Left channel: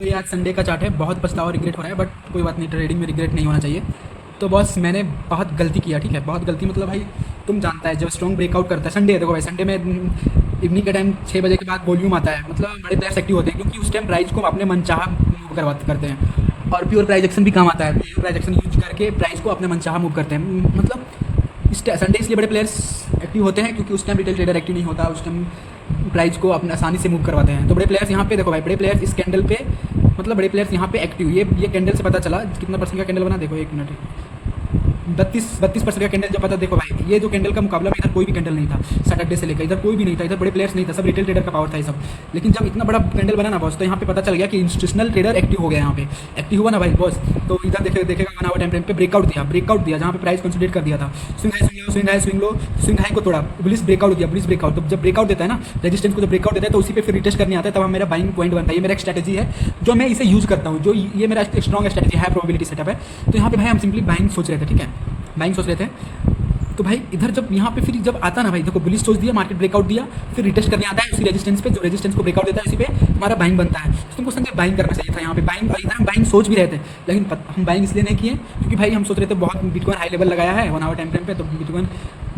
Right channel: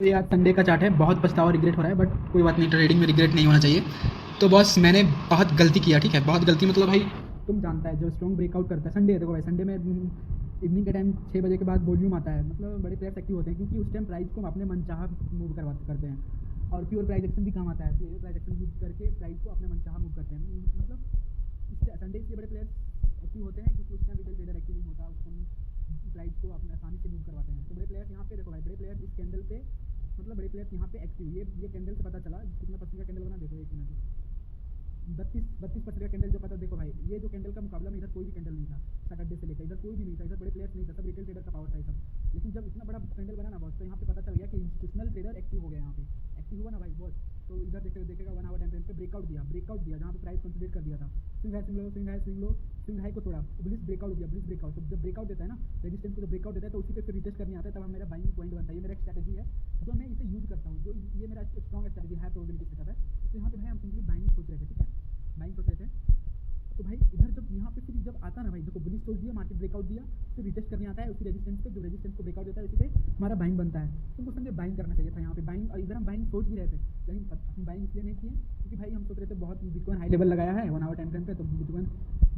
तो ये आज संडे का चार्ट है। बहुत पछतावा रिग्रेट हो रहा है, बट कोई बात नहीं, ट्रेडिंग में रिग्रेट नहीं होना चाहिए। तो बॉस मैंने बहुत गलती किया, ठीक है, बहुत गलती मतलब भाई तुम जानता है जब स्ट्रॉन्ग ब्रेकआउट करता है संडे है, देखो भाई संडे में इवनिंग के टाइम 6 बजे के बाद वॉल्यूम आता है, मतलब बड़े प्लेयर्स एक्टिव होते हैं क्योंकि उस टाइम प्राइस को अपने मनचाहा मूव करते हैं। और प्योर प्राइस एक्शन भी काम आता है, प्योर प्राइस एक्शन यूज करके प्राइस को अपने मनचाहा मूव करते हैं। मतलब इस संडे इसलिए बड़े प्लेयर्स एक्टिव होते हैं क्योंकि उस टाइम रिटेल ट्रेडर एक्टिव नहीं होता, उस टाइम प्राइस को अपने आसानी से मूव करवाते हैं। तो बड़े प्लेयर्स यहाँ पे देखो भाई, बड़े प्लेयर्स इस कैंडल पे, मतलब बड़े प्लेयर्स यहाँ पे एक्टिव, ये कैंडल से पता चला कितना परसेंट का कैंडल बना, देखो एक मिनट, 32% का कैंडल जब पता, देखो भाई ये जो कैंडल का मुकाबला में इधर कोई भी कैंडल नहीं था सैटरडे से लेकर, इधर कोई भी नहीं था, इधर बड़े प्लेयर्स नहीं था, सब रिटेल ट्रेडर का पावर था ये सब। लेकिन जब इतना बड़ा कैंडल बना ना बॉस, तो यहाँ पे पता चल गया कि इंस्टीट्यूशनल ट्रेडर एक्टिव हो गया, यहाँ पे एक्टिव हुआ ना भाई बॉस। तो इधर देखेगा 1 आवर टाइम फ्रेम पे ब्रेकआउट दिया जहाँ पे प्राइस कंसोलिडेट कर दिया था, स्विंग हाई को तोड़ा, बुलिश ब्रेकआउट दिया, बुलिश ब्रेकआउट। तो जब ब्रेकआउट देता है ना रेजिस्टेंस को, जब ब्रेकआउट देता है तो उसी पे फिर रिटेस्ट करने आता है, तब मेरा बाइंग पॉइंट बनता है। ये मेरा एक स्ट्रेटजी है जो मैं इसे यूज करता हूँ, जो ये मेरा स्ट्रॉन्ग स्ट्रेटजी है, प्रोबेबिलिटी सेटअप है। तो यहाँ पे भाई हम सिंपली बाइंग सोच रहे थे, ठीक है, बाइंग सोच रहे थे। तो भाई इधर जब यहाँ पे फिर जब आता ना भाई, देखो बुलिश सोच दिया, मार्केट ब्रेकआउट दिया, फिर रिटेस्ट करने आता है उसी रेजिस्टेंस पे, जो रेजिस्टेंस को ब्रेकआउट देता है उसी पे हमारा बाइंग बनता है। तो तुमको संजय बाइंग करना चाहिए था यहाँ पे, बाइंग, और इधर हम बाइंग सोच भी रहे थे, लेकिन हम बाइंग इसलिए नहीं किए क्योंकि भाई हम सोच रहे थे बहुत बिटकॉइन हाई लेवल लगाया है 1 आवर टाइम फ्रेम पे, तो बिटकॉइन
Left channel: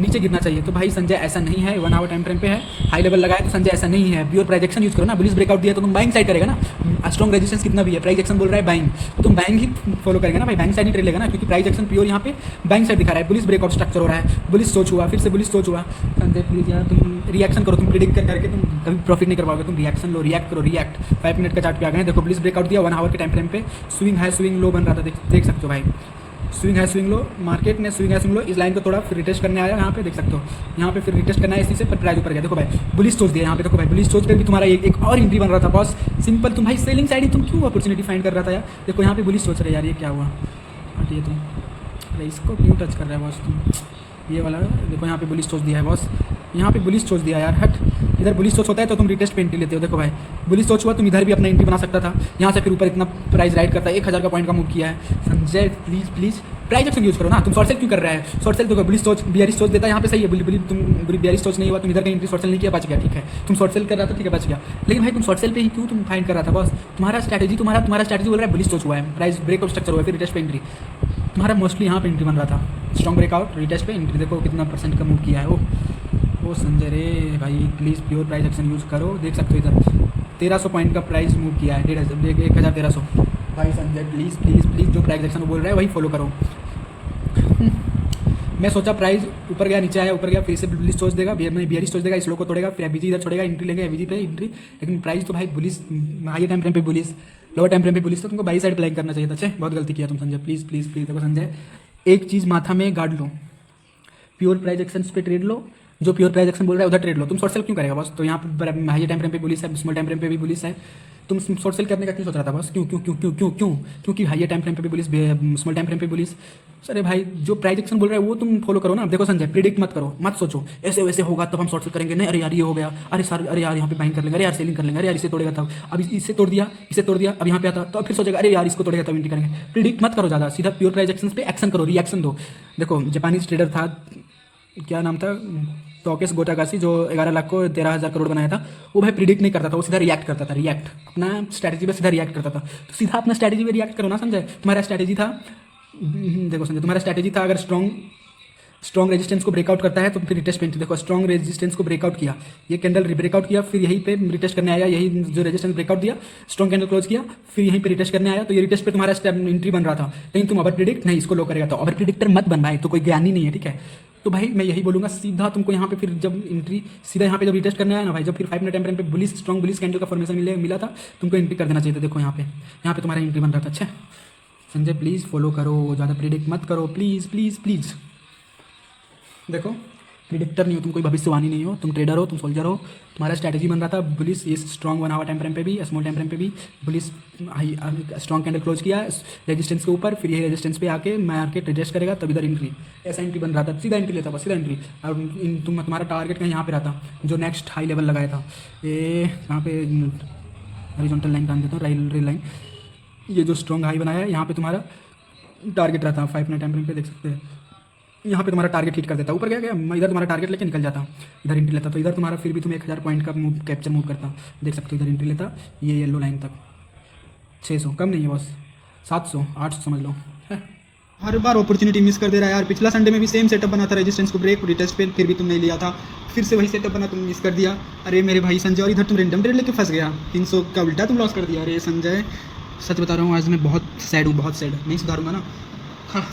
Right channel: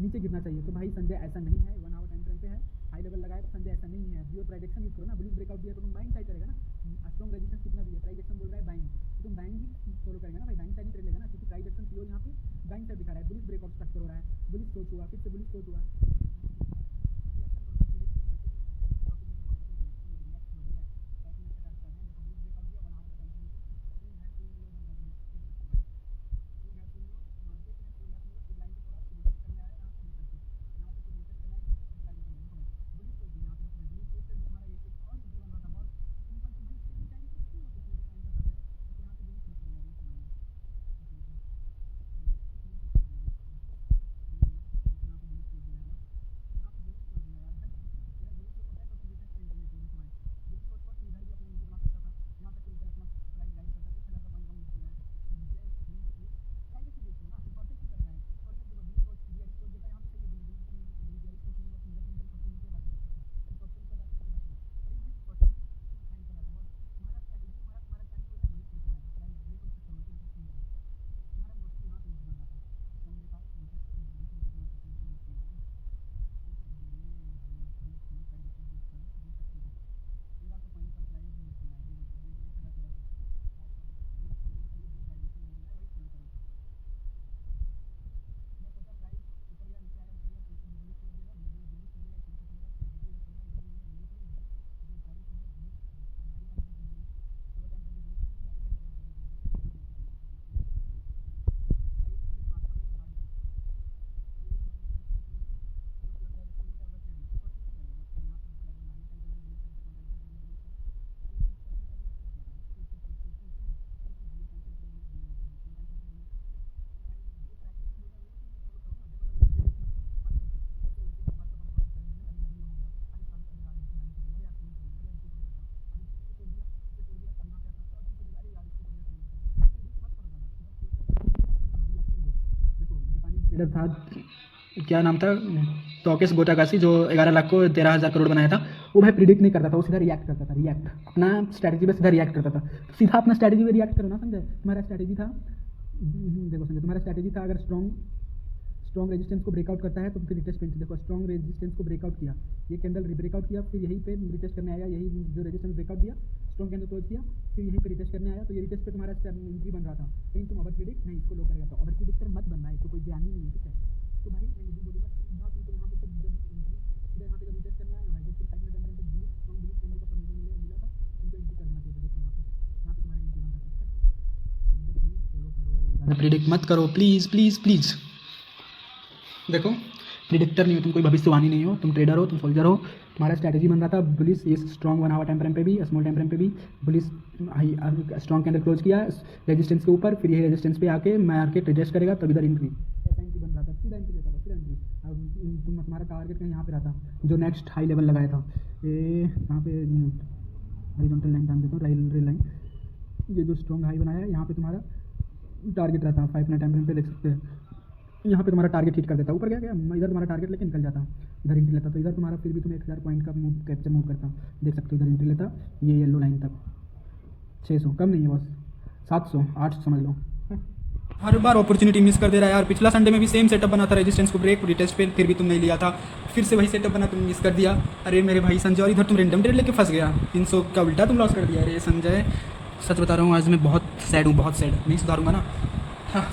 नीचे गिरना चाहिए। तो भाई संजय ऐसा नहीं है, 1 आवर टाइम फ्रेम पे है, हाई लेवल लगाया, तो संजय ऐसा नहीं है, प्योर प्राइजेक्शन यूज करो ना। बुलिश ब्रेकआउट दिया तो तुम बाइंग साइड करेगा ना, स्ट्रॉन्ग रेजिस्टेंस कितना भी है, प्राइजेक्शन बोल रहा है बाइंग, तो तुम बाइंग ही फॉलो करेगा ना भाई, बाइंग साइड ही ट्रेड लेगा ना, क्योंकि प्राइजेक्शन प्योर यहाँ पे बाइंग साइड दिखा रहा है। बुलिश ब्रेकआउट स्ट्रक्चर हो रहा है, बुलिश सोच हुआ, फिर से बुलिश सोच हुआ। संजय प्लीज यार तुम रिएक्शन करो, तुम प्रिडिक्ट करके तुम कभी प्रॉफिट नहीं कर पाओगे, तुम रिएक्शन लो, रिएक्ट करो, रिएक्ट। 5 मिनट का चार्ट पे आ गए, देखो बुलिश ब्रेकआउट दिया 1 आवर के टाइम फ्रेम पे, स्विंग है स्विंग लो बन रहा था, देख सकते हो भाई, स्विंग है स्विंग लो, मार्केट ने स्विंग है स्विंग लो, इस लाइन को थोड़ा फिर रिटेस्ट करने आया, यहाँ पे देख सकते हो, यहाँ पे फिर रिटेस्ट करना है इसी से, पर प्राइस ऊपर गया। देखो भाई बुलिश सोच दिया यहाँ पे, देखो भाई बुलिश सोच पे भी तुम्हारा एक और एंट्री बन रहा था बॉस, सिंपल। तुम भाई सेलिंग साइड ही तुम क्यों अपॉर्चुनिटी फाइंड कर रहा था यार, देखो यहाँ पे बुलिश सोच रहे यार, ये क्या हुआ, हटिए तुम, अरे इसको क्यों टच कर रहा है बॉस तुम, ये वाला देखो यहाँ पे बुलिश सोच दिया है बॉस, यहाँ पे बुलिश सोच दिया यार, हट। इधर बुलिश सोच होता है तो तुम रिटेस्ट पे एंट्री लेते हो, देखो भाई बुलिश सोच हुआ, तुम इधर भी अपना एंट्री बना सकता था, यहाँ से फिर ऊपर इतना प्राइस राइड करता है, 1000 का पॉइंट का मूव किया है। Sanjay please price action use करो ना, तुम शॉर्ट सेल क्यों कर रहा है, शॉर्ट सेल देखो बुलिश सोच बियरिश सोच देता है, यहाँ पे सही है, तुम बियरिश सोच नहीं हुआ, तुम इधर का एंट्री शॉर्ट सेल नहीं किया, बच गया, ठीक है, तुम शॉर्ट सेल कर रहा था, ठीक है, बच गया। लेकिन भाई तुम शॉर्ट सेल पे ही क्यों तुम फाइंड कर रहा था बॉस, तुम्हारा स्ट्रेटजी बोल रहा है बुलिश सोच हुआ है, प्राइस ब्रेकआउट स्ट्रक्चर हुआ है, फिर रिटेस्ट पे एंट्री, तुम्हारा मोस्टली यहाँ पे एंट्री बन रहा था, स्ट्रॉन्ग ब्रेकआउट रिटेस्ट पे एंट्री, देखो कितना परसेंट का मूव किया है वो संजय रे भाई, please pure price action use करो, देख सकते हो इधर 1300 पॉइंट का प्राइस मूव किया है, 1300 भाई संजय प्लीज़ जो प्राइस एक्शन बोल रहा है वही फॉलो करो। मैं सोचा प्राइस ऊपर गया नीचे आया, ऊपर गया, फिर से बुलिश सोच देगा, बियरिश सोच देगा, इस लो को तोड़ेगा, फिर एवीजी इधर छोड़ेगा, एंट्री लेंगे एवीजी पे एंट्री, लेकिन प्राइस तो भाई बुलिश हाई टाइम फ्रेम पे बुलिश, लोअर टाइम फ्रेम पे बुलिश, तो तुमको बाई साइड प्लान करना चाहिए था। अच्छा बहुत गलती किया तुम संजय, प्लीज़ देखो संजय एक चीज़ माथा में गाड़ लो, प्योर प्राइस एक्शन पे ट्रेड लो, जो प्योर प्राइस एक्शन बोल रहा है उधर ट्रेड लो, तुम शॉर्ट सेल क्यों करेगा बस, तो यहाँ पे हाई टाइम फ्रेम पे बुलिश है, स्मॉल टाइम फ्रेम पे भी बुलिश है, तुम शॉर्ट सेल करने का क्यों सोच रहा था बस, क्यों क्योंकि हाई टाइम फ्रेम पे भी बुलिश, स्मॉल टाइम फ्रेम पे बुलिश। अरे भाई जो प्राइस एक्शन बोल रहा है वो तुम फॉलो करो ना। देखो संजय प्रिडिक्ट मत करो, मत सोचो ऐसे वैसे होगा तब हम शॉर्ट सेल करेंगे, नहीं अरे यार ये हो गया, अरे सर अरे यार यहाँ पे बाइंग कर लेंगे, अरे यार सेलिंग कर लेंगे, अरे यार इसे तोड़ेगा तब, अब इसे तोड़ दिया अब यहाँ पे आता तो फिर सोचेगा अरे यार इसको तोड़ेगा तब एंट्री करेंगे। प्रिडिक्ट मत करो ज़्यादा, सीधा प्योर प्राइस एक्शन पे एक्शन करो, रिएक्शन दो। देखो जापानीज ट्रेडर था, क्या नाम था, टोकेस गोटाकाशी, जो 11 लाख को 13,000 करोड़ बनाया था, वो भाई प्रिडिक्ट नहीं करता था, वो सीधा रिएक्ट करता था, रिएक्ट अपना स्ट्रैटेजी पे सीधा रिएक्ट करता था। तो सीधा अपना स्ट्रैटेजी पे रिएक्ट करो ना संजय, तुम्हारा स्ट्रैटेजी था, देखो संजय तुम्हारा स्ट्रैटेजी था, अगर स्ट्रॉन्ग रेजिस्टेंस को ब्रेकआउट करता है तो फिर रिटेस्ट पे एंट्री, देखो स्ट्रॉन्ग रेजिस्टेंस को ब्रेकआउट किया, ये कैंडल ब्रेकआउट किया, फिर यहीं पे रिटेस्ट करने आया, यही जो रेजिस्टेंस ब्रेकआउट दिया, स्ट्रॉन्ग कैंडल क्लोज किया, फिर यहीं पे रिटेस्ट करने आया, तो ये रिटेस्ट पे तुम्हारा एंट्री बन रहा था, लेकिन तुम ओवर प्रिडिक्ट नहीं इसको लो करेगा, तो ओवर प्रिडिक्टर मत बन भाई, तो कोई ज्ञानी नहीं है, ठीक है। तो भाई मैं यही बोलूँगा, सीधा तुमको यहाँ पे फिर जब एंट्री सीधा यहाँ पे जब रिटेस्ट करने आया ना भाई, जब फिर 5 मिनट टाइम फ्रेम पे बुलिश स्ट्रॉन्ग बुलिश कैंडल का फॉर्मेशन मिला था, तुमको एंट्री कर देना चाहिए था। देखो यहाँ पे तुम्हारा एंट्री बन रहा था। अच्छा संजय प्लीज़ फॉलो करो, ज़्यादा प्रिडिक्ट मत करो, प्लीज़। देखो प्रिडिक्टर नहीं हो तुम, कोई भविष्यवाणी नहीं हो, तुम ट्रेडर हो, तुम सोल्जर हो, तुम्हारा स्ट्रैटेजी बन रहा था बुलिश, ये स्ट्रॉन्ग 1 आवर टाइम फ्रेम पे भी, स्मॉल टाइम फ्रेम पे भी bullish high strong candle close किया रेजिस्टेंस के ऊपर, फिर ये रेजिस्टेंस पे आके मार्केट रिजेस्ट करेगा तब इधर एंट्री, ऐसा एंट्री बन रहा था, सीधा एंट्री लेता बस, सीधा एंट्री। और तुम्हारा टारगेट कहीं यहाँ पे रहता, जो नेक्स्ट हाई लेवल लगाया था, ये यहाँ पे हॉरिजॉन्टल लाइन का देता हूँ, रेल लाइन, ये जो स्ट्रॉन्ग हाई बनाया है यहाँ पे तुम्हारा टारगेट रहता, 5 मिनट टाइम फ्रेम पे देख सकते हैं, यहाँ पे तुम्हारा टारगेट हिट कर देता, ऊपर गया मैं इधर तुम्हारा टारगेट लेके निकल जाता, इधर एंट्री लेता, तो इधर तुम्हारा फिर भी तुम 1000 पॉइंट का मूव कैप्चर मूव करता, देख सकते हो इधर एंट्री लेता, ये येलो लाइन तक, 600 कम नहीं है बॉस, 700 800 समझ लो। हर बार अपॉर्चुनिटी मिस कर दे रहा है यार। पिछला संडे में भी सेम सेटअप बना था, रेजिस्टेंस को ब्रेक रिटेस्ट पे, फिर भी तुम नहीं लिया था। फिर से वही सेटअप बना, तुम मिस कर दिया। अरे मेरे भाई संजय, और इधर तुम रेंडम ट्रेड लेके फंस गया, 300 का उल्टा तुम लॉस कर दिया। अरे संजय सच बता रहा हूँ, आज मैं बहुत सैड हूँ, बहुत सैड, नहीं सुधारूंगा ना। हाँ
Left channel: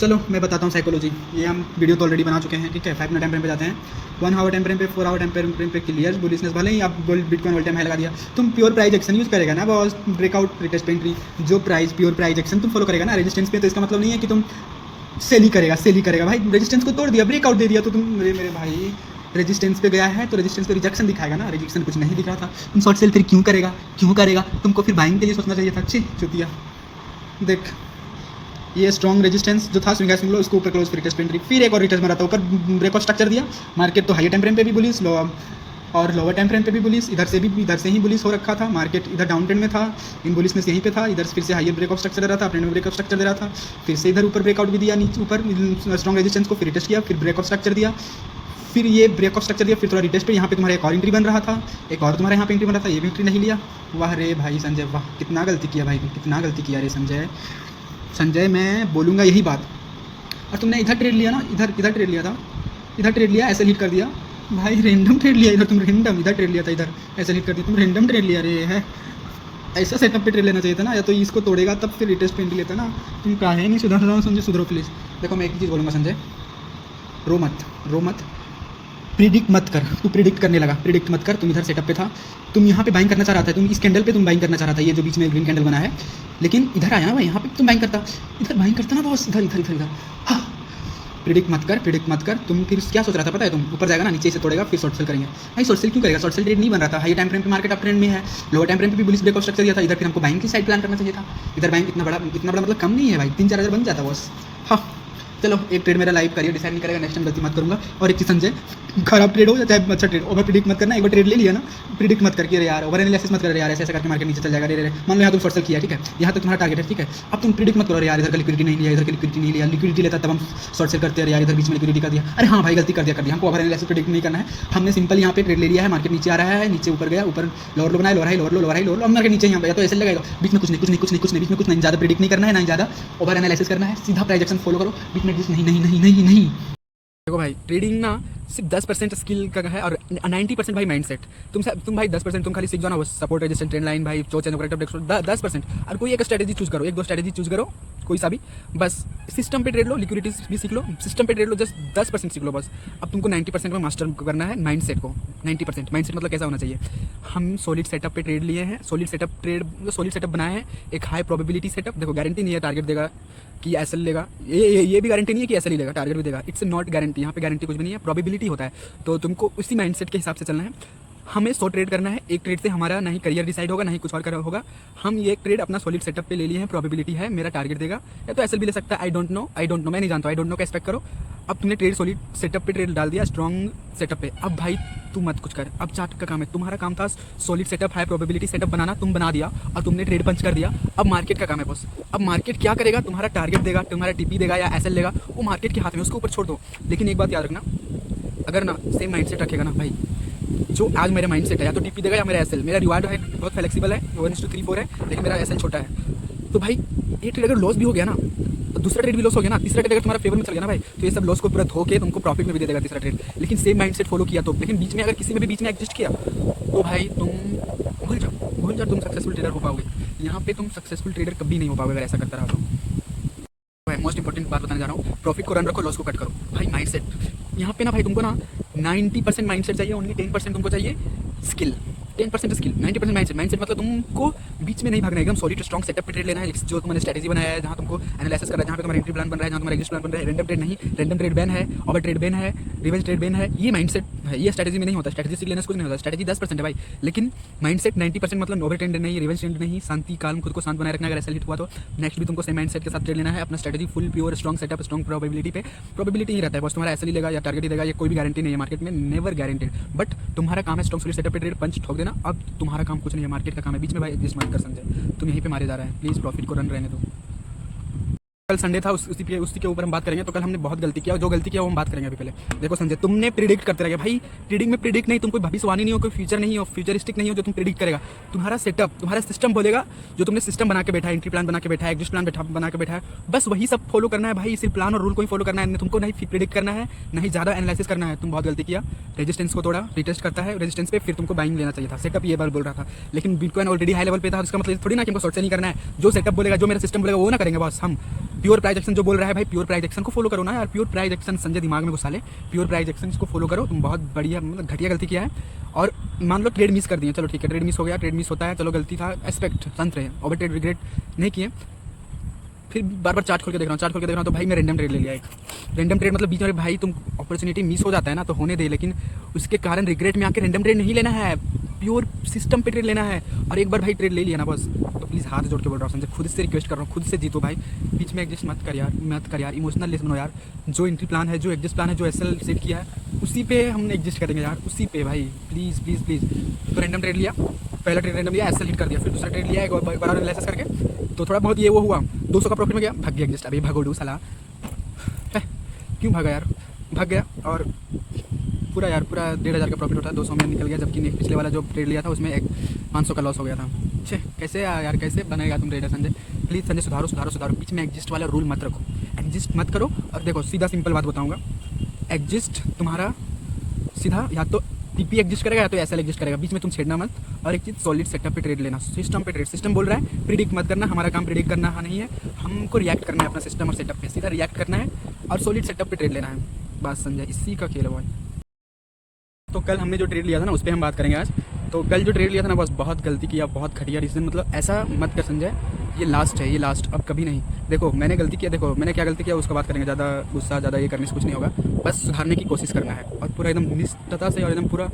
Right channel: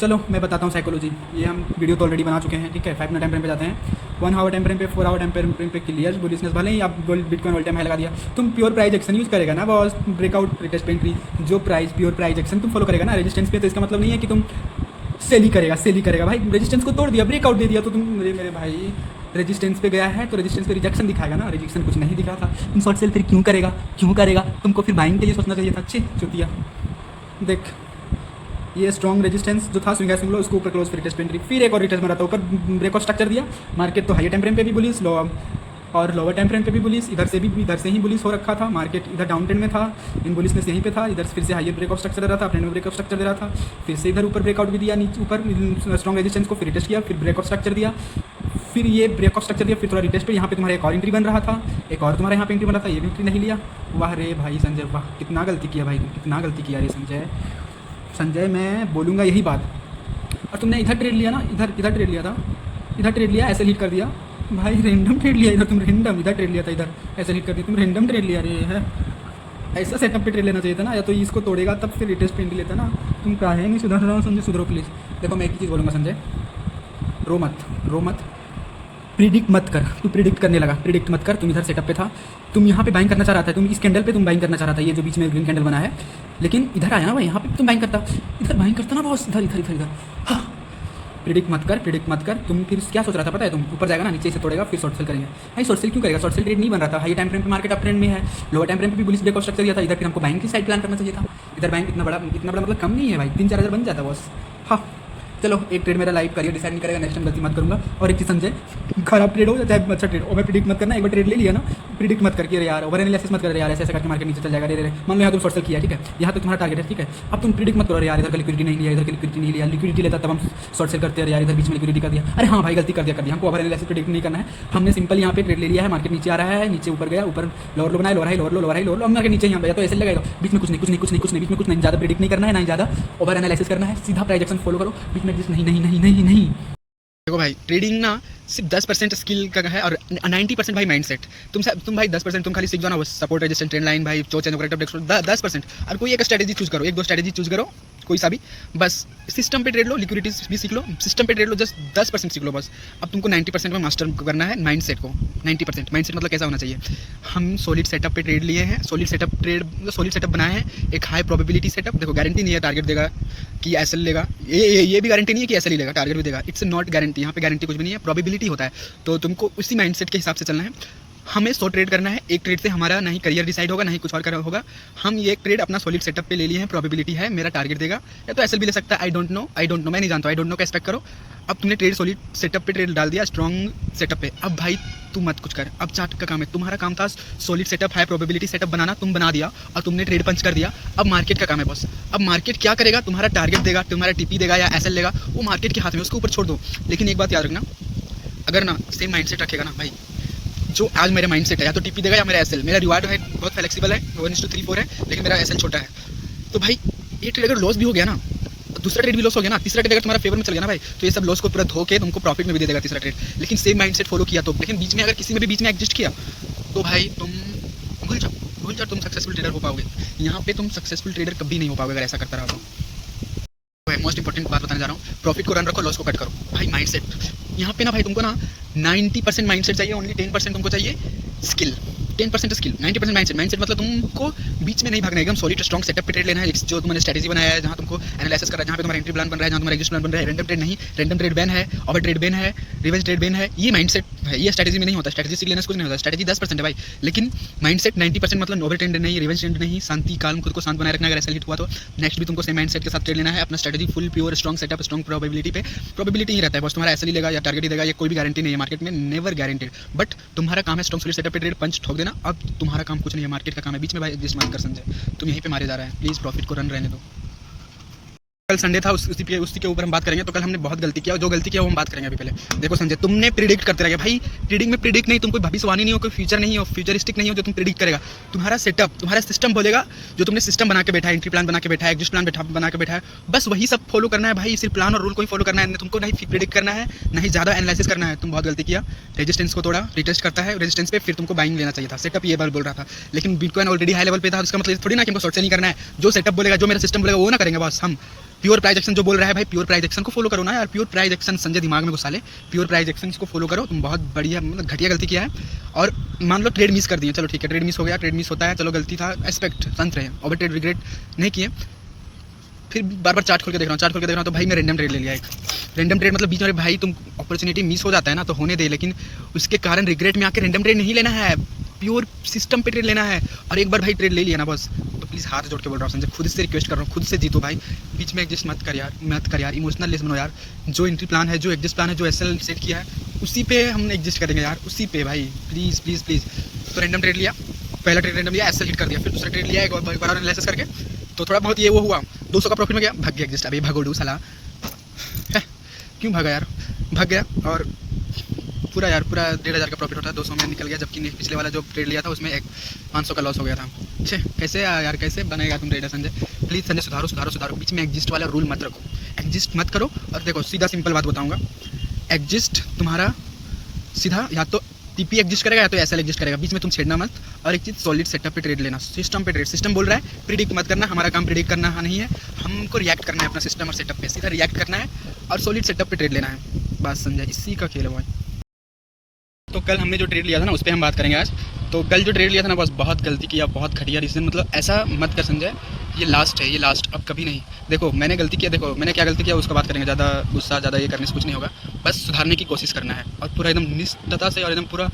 चलो मैं बताता हूँ साइकोलॉजी। ये हम वीडियो तो ऑलरेडी बना चुके हैं, ठीक है। 5 मिनट टाइम फ्रेम पे जाते हैं, 1 आवर टाइम फ्रेम पे, 4 आवर टाइम फ्रेम पे क्लियर बुलिशनेस। भले ही आप gold bitcoin all time high लगा दिया, तुम प्योर प्राइस एक्शन यूज़ करेगा ना बॉस, ब्रेकआउट रिटेस्ट पे एंट्री, जो प्राइस प्योर प्राइस एक्शन तुम फॉलो करेगा ना रेजिस्टेंस पे, तो इसका मतलब नहीं है कि तुम सेल ही करेगा भाई। रेजिस्टेंस को तोड़ दिया, ब्रेकआउट दे दिया, तो तुम मेरे भाई रेजिस्टेंस पे गया है तो रेजिस्टेंस पे रिजेक्शन दिखाएगा ना, रेजिस्टेंस कुछ नहीं दिख रहा था, तुम शॉर्ट सेल फिर क्यों करेगा? तुमको फिर बाइंग के लिए सोचना चाहिए था। अच्छी चुतिया। देख ये स्ट्रॉन्ग रेजिस्टेंस जो था स्विंग लो, उसको ऊपर क्लोज फिर रिटेस्ट पे एंट्री, फिर एक और रिटेस्ट मारा था ऊपर, ब्रेकआउट स्ट्रक्चर दिया। मार्केट तो हाई टाइम फ्रेम पे भी बुलिश, लो और लोअर टाइम फ्रेम पे भी बुलिश, इधर से ही बुलिश हो रखा था। मार्केट इधर डाउन ट्रेंड में था, इन बुलिशनेस यहीं पे था, इधर फिर से हायर ब्रेकआउट स्ट्रक्चर दे रहा था, अपने में ब्रेकआउट स्ट्रक्चर दे रहा था, फिर से इधर ऊपर ब्रेकआउट भी दिया, नीचे ऊपर स्ट्रॉन्ग रेजिस्टेंस को फिर रिटेस्ट किया, फिर ब्रेकआउट स्ट्रक्चर दिया, फिर ये ब्रेकआउट स्ट्रक्चर दिया, फिर थोड़ा रिटेस्ट पे, यहाँ पे तुम्हारा एक और एंट्री बन रहा था, एक और तुम्हारे यहाँ पे एंट्री बन रहा था, ये भी एंट्री नहीं लिया। वाह रे भाई संजय, वाह कितना गलती किया भाई, कितना गलती किया रे संजय। मैं बोलूँगा यही बात। और तुमने इधर ट्रेड लिया ना, इधर ट्रेड लिया था, इधर ट्रेड लिया, ऐसे लीड कर दिया भाई, रेंडम ट्रेड लिया इधर तुम, रेंडम इधर ट्रेड लिया था, इधर ऐसे लीड कर दिया तुम, रेंडम ट्रेड लिया रे है। ऐसा सेटअप पे ट्रेड लेना चाहिए था ना, या तो इसको तोड़ेगा तब फिर रिटेस्ट पे एंट्री लेता ना। तुम काहे नहीं सुधर रहा हो संजय, सुधरो प्लीज़। देखो मैं एक ही चीज़ बोलूँगा संजय, रो मत, प्रिडिक्ट मत कर। तू प्रिडिक्ट करने लगा, प्रिडिक्ट मत कर। तुम इधर सेटअप पे था, तुम यहाँ पे बाइंग करना चाह रहा था, तुम इस कैंडल पे तुम बाइंग करना चाह रहा था, ये जो बीच में ग्रीन कैंडल बना है, लेकिन इधर आया ना भाई, यहाँ पे तुम बाइंग करता, इधर बाइंग करता ना बॉस, इधर। हाँ प्रिडिक्ट मत कर। तुम फिर क्या सोच रहा था पता है, तुम ऊपर जाएगा ना, नीचे से तोड़ेगा, फिर शॉर्ट सेल करेंगे। भाई शॉर्ट सेल क्यों करेगा, शॉर्ट सेल ट्रेड नहीं बन रहा था, हाई टाइम फ्रेम पे मार्केट अप ट्रेंड में है, लोअर टाइम फ्रेम पे भी बुलिश ब्रेकआउट स्ट्रक्चर दिया था, इधर फिर हमको बाइंग की साइड प्लान करना चाहिए था। इधर बाइंग इतना बड़ा मतलब कम नहीं है भाई, 3-4 हज़ार बन जाता बॉस। हाँ चलो, एक ट्रेड मेरा लाइव करियर डिसाइड नहीं करेगा, नेक्स्ट टाइम गलती मत करूँगा। और एक चीज़ संजय, खराब ट्रेड हो या चाहे अच्छा ट्रेड, ओवर प्रिडिक्ट मत करना। एक बार ट्रेड ले लिया ना, प्रिडिक्ट मत करके यार, ओवर एनालिसिस मत कर यार, ऐसे करके मार्केट नीचे चल जाएगा। रे मान लो यहाँ तुम शॉर्ट सेल किया, ठीक है, यहाँ तक तुम्हारा टारगेट है, ठीक है, अब तुम प्रिडिक्ट मत करो यार, इधर का लिक्विडिटी नहीं लिया, इधर की लिक्विडिटी नहीं लिया, लिक्विडिटी लेता तब हम शॉर्ट सेल करते हैं यार, इधर बीच में लिक्विडिटी कर दिया। अरे हाँ भाई गलती कर दिया, हमको ओवर एनालिसिस प्रिडिक्ट नहीं करना है, हमने सिंपल यहाँ पे ट्रेड ले लिया है, मार्केट नीचे आ रहा है, नीचे ऊपर गया, ऊपर लोअर लो बनाया, लोअर हाई, अब मार्केट नीचे यहाँ पे, तो ऐसे लगाएगा, बीच में कुछ नहीं, बीच में कुछ नहीं, ज़्यादा प्रिडिक्ट नहीं करना है, ना ज़्यादा ओवर एनालिसिस करना है, सीधा प्राइस एक्शन फॉलो करो, बीच में नहीं। देखो भाई, ट्रेडिंग ना सिर्फ 10% स्किल का है और 90% भाई माइंडसेट। तुम भाई 10% तुम खाली सीख जाओ ना, वो सपोर्ट रेजिस्टेंस ट्रेंड लाइन भाई, चो चेंज ऑपरेटर 10%, और कोई एक स्ट्रेटेजी चूज करो, 1-2 स्ट्रेटेजी चूज करो, कोई सा भी, बस सिस्टम पे ट्रेड लो, लिक्विडिटीज भी सीख लो, सिस्टम पे ट्रेड लो, जस्ट 10% सीख लो बस। अब तुमको 90% में मास्टर करना है माइंडसेट को। 90% माइंडसेट मतलब कैसा होना चाहिए, हम सॉलिड सेटअप पे ट्रेड लिए हैं, सॉलिड सेटअप बनाए हैं, एक हाई प्रोबेबिलिटी सेटअप। देखो गारंटी नहीं है टारगेट देगा कि एसएल लेगा, ये भी गारंटी नहीं है कि एसएल ही लेगा, टारगेट भी देगा, इट्स नॉट गारंटी, यहाँ पे गारंटी कुछ भी नहीं है, प्रोबेबिलिटी होता है। तो तुमको उसी माइंडसेट के हिसाब से चलना है। हमें 100 ट्रेड करना है, एक ट्रेड से हमारा नहीं करियर डिसाइड होगा, नहीं कुछ और करना होगा। हम ये एक ट्रेड अपना सॉलिड सेटअप पे ले लिए हैं, प्रोबेबिलिटी है मेरा टारगेट देगा, या तो एसएल भी ले सकता है। आई डोंट नो, मैं नहीं जानता, आई डोंट नो का एक्सपेक्ट करो। अब तुमने ट्रेड सॉलिड सेटअप पे ट्रेड डाल दिया, स्ट्रॉन्ग सेटअप पे, अब भाई तू मत कुछ कर, अब चार्ट का काम है, तुम्हारा काम था solid setup high probability setup बनाना, तुम बना दिया और तुमने ट्रेड पंच कर दिया। अब मार्केट का काम है बॉस, अब मार्केट क्या करेगा, तुम्हारा टारगेट देगा, तुम्हारा टीपी देगा या एसएल लेगा, वो मार्केट के हाथ में, उसको ऊपर छोड़ दो। लेकिन एक बात याद रखना, अगर ना सेम माइंडसेट रखेगा ना भाई, जो आज मेरा माइंडसेट है, या तो टीपी देगा या मेरा एसएल, मेरा रिवार्ड है बहुत फ्लेक्सिबल है, 1:3-4 है, लेकिन मेरा एसएल छोटा है। तो भाई ये ट्रेड अगर लॉस भी हो गया ना, दूसरा ट्रेड भी लॉस हो गया ना, तीसरा ट्रेड अगर तुम्हारा फेवर में चल गया ना भाई, तो ये सब लॉस को पूरा धो के तुमको प्रॉफिट में भी दे देगा तीसरा ट्रेड। लेकिन सेम माइंडसेट फॉलो किया तो, लेकिन बीच में अगर किसी में भी बीच में एडजस्ट किया तो भाई तुम भूल जाओ, तुम सक्सेसफुल ट्रेडर हो पाओगे। यहाँ पे तुम सक्सेसफुल ट्रेडर कभी नहीं हो पाओगे अगर ऐसा करता रहा तो। मोस्ट इंपॉर्टेंट बात बताने जा रहा हूँ, प्रॉफिट को रन रखो, लॉस को कट करो भाई। माइंडसेट यहाँ पे ना भाई, तुमको ना 90% माइंडसेट चाहिए, ओनली 10% तुमको चाहिए स्किल। 10% स्किल, 90% माइंडसेट मतलब तुमको बीच में नहीं भागना है, एकदम सॉलिड स्ट्रॉन्ग सेटअप पे ट्रेड लेना है, जो तुमने स्ट्रेटेजी बनाया है, जहाँ तुमको एनालिसिस करना है, जहाँ पे तुम्हारा एंट्री प्लान बन रहा है, जहाँ तुम्हारा एग्जिट प्लान बन रहा है, रैंडम ट्रेड नहीं, रैंडम ट्रेड बैन है, ओवर ट्रेड बैन है, रिवेंज ट्रेड बैन है, ये माइंडसेट है, ये स्ट्रेटेजी में नहीं होता। स्ट्रेटेजी सीख लेने से कुछ नहीं होता, स्ट्रेटेजी 10% है भाई, लेकिन माइंडसेट 90% मतलब ओवर ट्रेड नहीं, रिवेंज ट्रेड नहीं, शांति काल्म, खुद को शांत बनाए रखना। अगर ऐसा हिट हुआ तो नेक्स्ट भी तुमको सेम माइंडसेट के साथ ट्रेड लेना है, अपना strategy full pure strong setup, strong probability पे, प्रोबेबिलिटी ही रहता है बस, तुम्हारा ऐसा ही लेगा या टारगेट ही देगा, ये कोई भी गारंटी नहीं है मार्केट में, नेवर गारंटेड। बट तुम्हारा काम है स्ट्रॉन्ग सॉलिड सेटअप पे ट्रेड पंच ठोक देना। अब तुम्हारा काम कुछ नहीं है, मार्केट का काम है, बीच में भाई एडजस्ट मत कर संजय, तुम यहीं पे मारे जा रहे हैं, प्लीज़ प्रॉफिट को रन रहने दो। कल संडे था, उसी के ऊपर हम बात करेंगे। तो कल हमने बहुत गलती किया, जो गलती किया वो हम बात करेंगे अभी। पहले देखो संजय, तुमने प्रिडिक्ट करते रहे भाई। ट्रेडिंग में प्रिडिक्ट नहीं, तुम कोई भविष्यवाणी नहीं हो, कोई फ्यूचर नहीं हो, फ्यूचरिस्टिक नहीं हो जो तुम प्रिडिक्ट करेगा। तुम्हारा सेटअप, तुम्हारा सिस्टम बोलेगा, जो तुमने सिस्टम बना के बैठा है, एंट्री प्लान बना के बैठा है, एग्जिट प्लान बना के बैठा है, बस वही सब फॉलो करना है भाई। सिर्फ प्लान और रूल को ही फॉलो करना है, तुमको नहीं प्रिडिक्ट करना है, नहीं ज़्यादा एनालिसिस करना है। तुम बहुत गलती किया, रेजिस्टेंस को तोड़ा, रिटेस्ट करता है, रेजिस्टेंस पे फिर तुमको बाइंग लेना चाहिए था। सेटअप ये बार बोल रहा था, लेकिन बिटकॉइन ऑलरेडी हाई लेवल पे था, इसका मतलब थोड़ी ना कि हमको शॉर्ट सेलिंग करना है। जो सेटअप बोलेगा, जो मेरा सिस्टम बोलेगा वो ना करेंगे बस हम। प्योर प्राइस एक्शन जो बोल रहा है भाई, प्योर प्राइस एक्शन को फॉलो करो ना यार। प्योर प्राइस एक्शन संजय दिमाग में घुसा ले, प्योर प्राइस एक्शन को फॉलो करो। तुम बहुत बढ़िया मतलब घटिया गलती किया है। और मान लो ट्रेड मिस कर दिए, चलो ठीक है, ट्रेड मिस हो गया, ट्रेड मिस होता है, चलो गलती था, एक्सपेक्ट संत रहे, ओवर ट्रेड रिग्रेट नहीं किए। फिर बार बार चार्ट खोल के देख रहा हूँ, तो भाई मैं रैंडम ट्रेड ले लिया एक। रैंडम ट्रेड मतलब बीच में भाई तुम अपॉर्चुनिटी मिस हो जाता है ना तो होने दे, लेकिन उसके कारण रिग्रेट में आके रैंडम ट्रेड नहीं लेना है, प्योर सिस्टम पे ट्रेड लेना है। और एक बार भाई ट्रेड ले लिया ना बस, तो प्लीज़ हाथ जोड़ के बोल रहा हूँ संजय, खुद से रिक्वेस्ट कर रहा हूँ, खुद से जीतो भाई। बीच में एडजस्ट मत कर यार, इमोशनल लेस बनो यार। जो एंट्री प्लान है, जो एग्जिस्ट प्लान है, जो एसएल सेट किया है, उसी पे हम एग्जिस्ट करेंगे यार, उसी पे भाई, प्लीज़ प्लीज़ प्लीज़। तो रैंडम ट्रेड लिया, पहला ट्रेड रैंडम लिया, एसएल हिट कर दिया, फिर दूसरा ट्रेड लिया एक बार एनालिसिस करके, तो थोड़ा बहुत ये वो हुआ, 200 का प्रॉफिट में गया, भाग गया एग्जिस्ट। अभी भगोडू साला है, क्यों भागा यार, भाग गया। और पूरा 1,500 का प्रॉफिट होता है, 200 में निकल गया, जबकि पिछले वाला जो ट्रेड लिया था उसमें 500 का लॉस हो गया था। छे कैसे यार, कैसे बनेगा तुम ट्रेडर संजय? प्लीज़ संजय सुधारो। बीच में एग्जिस्ट वाला रूल मत रखो, एग्जिस्ट मत करो। और देखो सीधा सिंपल बात बताऊँगा, एग्जिस्ट तुम्हारा सीधा या तो टीपी एग्जिस्ट करेगा या तो एसएल एग्जिस्ट करेगा, बीच में तुम छेड़ना मत। और एक चीज़, सॉलिड सेटअप पे ट्रेड लेना, सिस्टम पे ट्रेड। सिस्टम बोल रहा है प्रिडिक्ट मत करना, हमारा काम प्रिडिक्ट करना नहीं है, हमको रिएक्ट करना है अपना सिस्टम और सेटअप पे, सीधा रिएक्ट करना है और सॉलिड सेटअप पे ट्रेड लेना है, बस संजय, इसी का खेल है भाई। तो कल हमने जो ट्रेड लिया था ना उस पर हम बात करेंगे आज। तो कल जो ट्रेड लिया था ना बस बहुत गलती किया, बहुत घटिया डिसीजन, मतलब ऐसा मत कर संजय, ये लास्ट है, ये लास्ट, अब कभी नहीं। देखो मैंने गलती किया, देखो मैंने क्या गलती किया उसका बात करेंगे, ज़्यादा गुस्सा ज़्यादा ये करने से कुछ नहीं होगा, बस सुधारने की कोशिश करना है और पूरा एकदम निष्ठता से और एकदम पूरा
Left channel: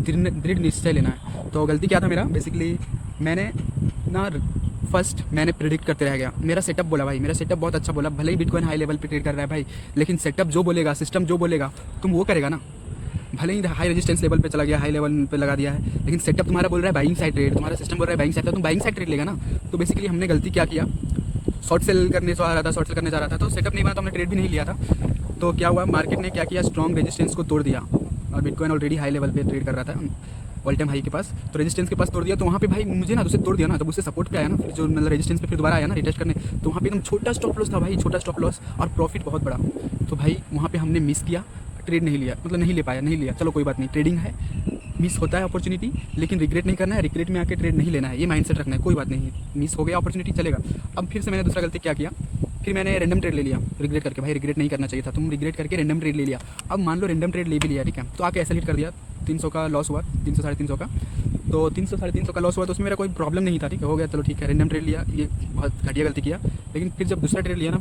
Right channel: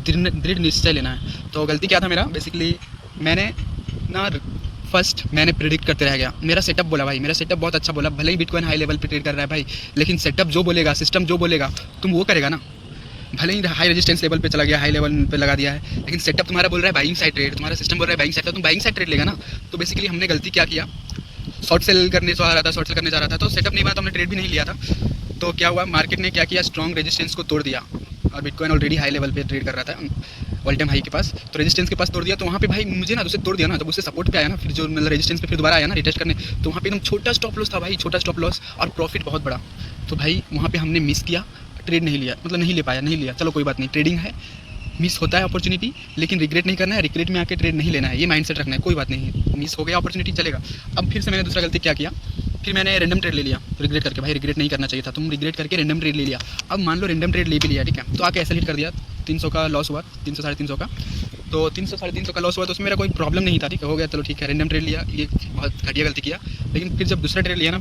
दृढ़ निश्चय लेना है। तो गलती क्या था मेरा, बेसिकली मैंने ना फर्स्ट मैंने प्रिडिक्ट करते रह गया। मेरा सेटअप बोला भाई, मेरा सेटअप बहुत अच्छा बोला, भले ही बिटकॉइन हाई लेवल पे ट्रेड कर रहा है भाई, लेकिन सेटअप जो बोलेगा, सिस्टम जो बोलेगा तुम वो करेगा ना। भले ही हाई रेजिस्टेंस लेवल पे चला गया, हाई लेवल पे लगा दिया है, लेकिन सेटअप तुम्हारा बोल रहा है बाइंग साइड ट्रेड, तुम्हारा सिस्टम बोल रहा है बाइंग साइड, तो तुम बाइंग साइड ट्रेड लेगा ना। तो बेसिकली हमने गलती क्या किया, शॉर्ट सेल करने जा रहा था, तो सेटअप नहीं बना, तो हमने ट्रेड भी नहीं लिया था। तो क्या हुआ, मार्केट ने क्या किया, स्ट्रॉन्ग रेजिस्टेंस को तोड़ दिया और बिटकॉइन ऑलरेडी हाई लेवल पे ट्रेड कर रहा था, ऑल टाइम हाई के पास, तो रेजिस्टेंस के पास तोड़ दिया। तो वहाँ पे भाई मुझे ना उसे तोड़ दिया ना, जब उससे सपोर्ट पे आया ना, फिर जो मतलब रेजिस्टेंस पे फिर दोबारा आया ना रिटेस्ट करने, तो वहाँ पे एकदम छोटा स्टॉप लॉस था भाई, छोटा स्टॉप लॉस और प्रॉफिट बहुत बड़ा। तो भाई वहाँ पे हमने मिस किया, ट्रेड नहीं लिया, मतलब नहीं लिया, चलो कोई बात नहीं, ट्रेडिंग है, मिस होता है अपॉर्चुनिटी, लेकिन रिग्रेट नहीं करना है, रिग्रेट में आके ट्रेड नहीं लेना है, ये माइंडसेट रखना है, कोई बात नहीं, मिस हो गया अपॉर्चुनिटी चलेगा। अब फिर से मैंने दूसरा गलती क्या किया, फिर मैंने रैंडम ट्रेड ले लिया रिग्रेट करके, भाई रिग्रेट नहीं करना चाहिए था, तुम रिग्रेट करके रैंडम ट्रेड ले लिया। अब मान लो रैंडम ट्रेड ले भी लिया, ठीक है, तो आके ऐसा हिट कर दिया, 300 का लॉस हुआ, 300 साढ़े 300 का, तो 300 साढ़े 300 का लॉस हुआ, तो उसमें मेरा कोई प्रॉब्लम नहीं था, ठीक है, हो गया, चलो ठीक है, रैंडम ट्रेड लिया, ये बहुत घटिया गलती किया। लेकिन फिर जब दूसरा ट्रेड लिया ना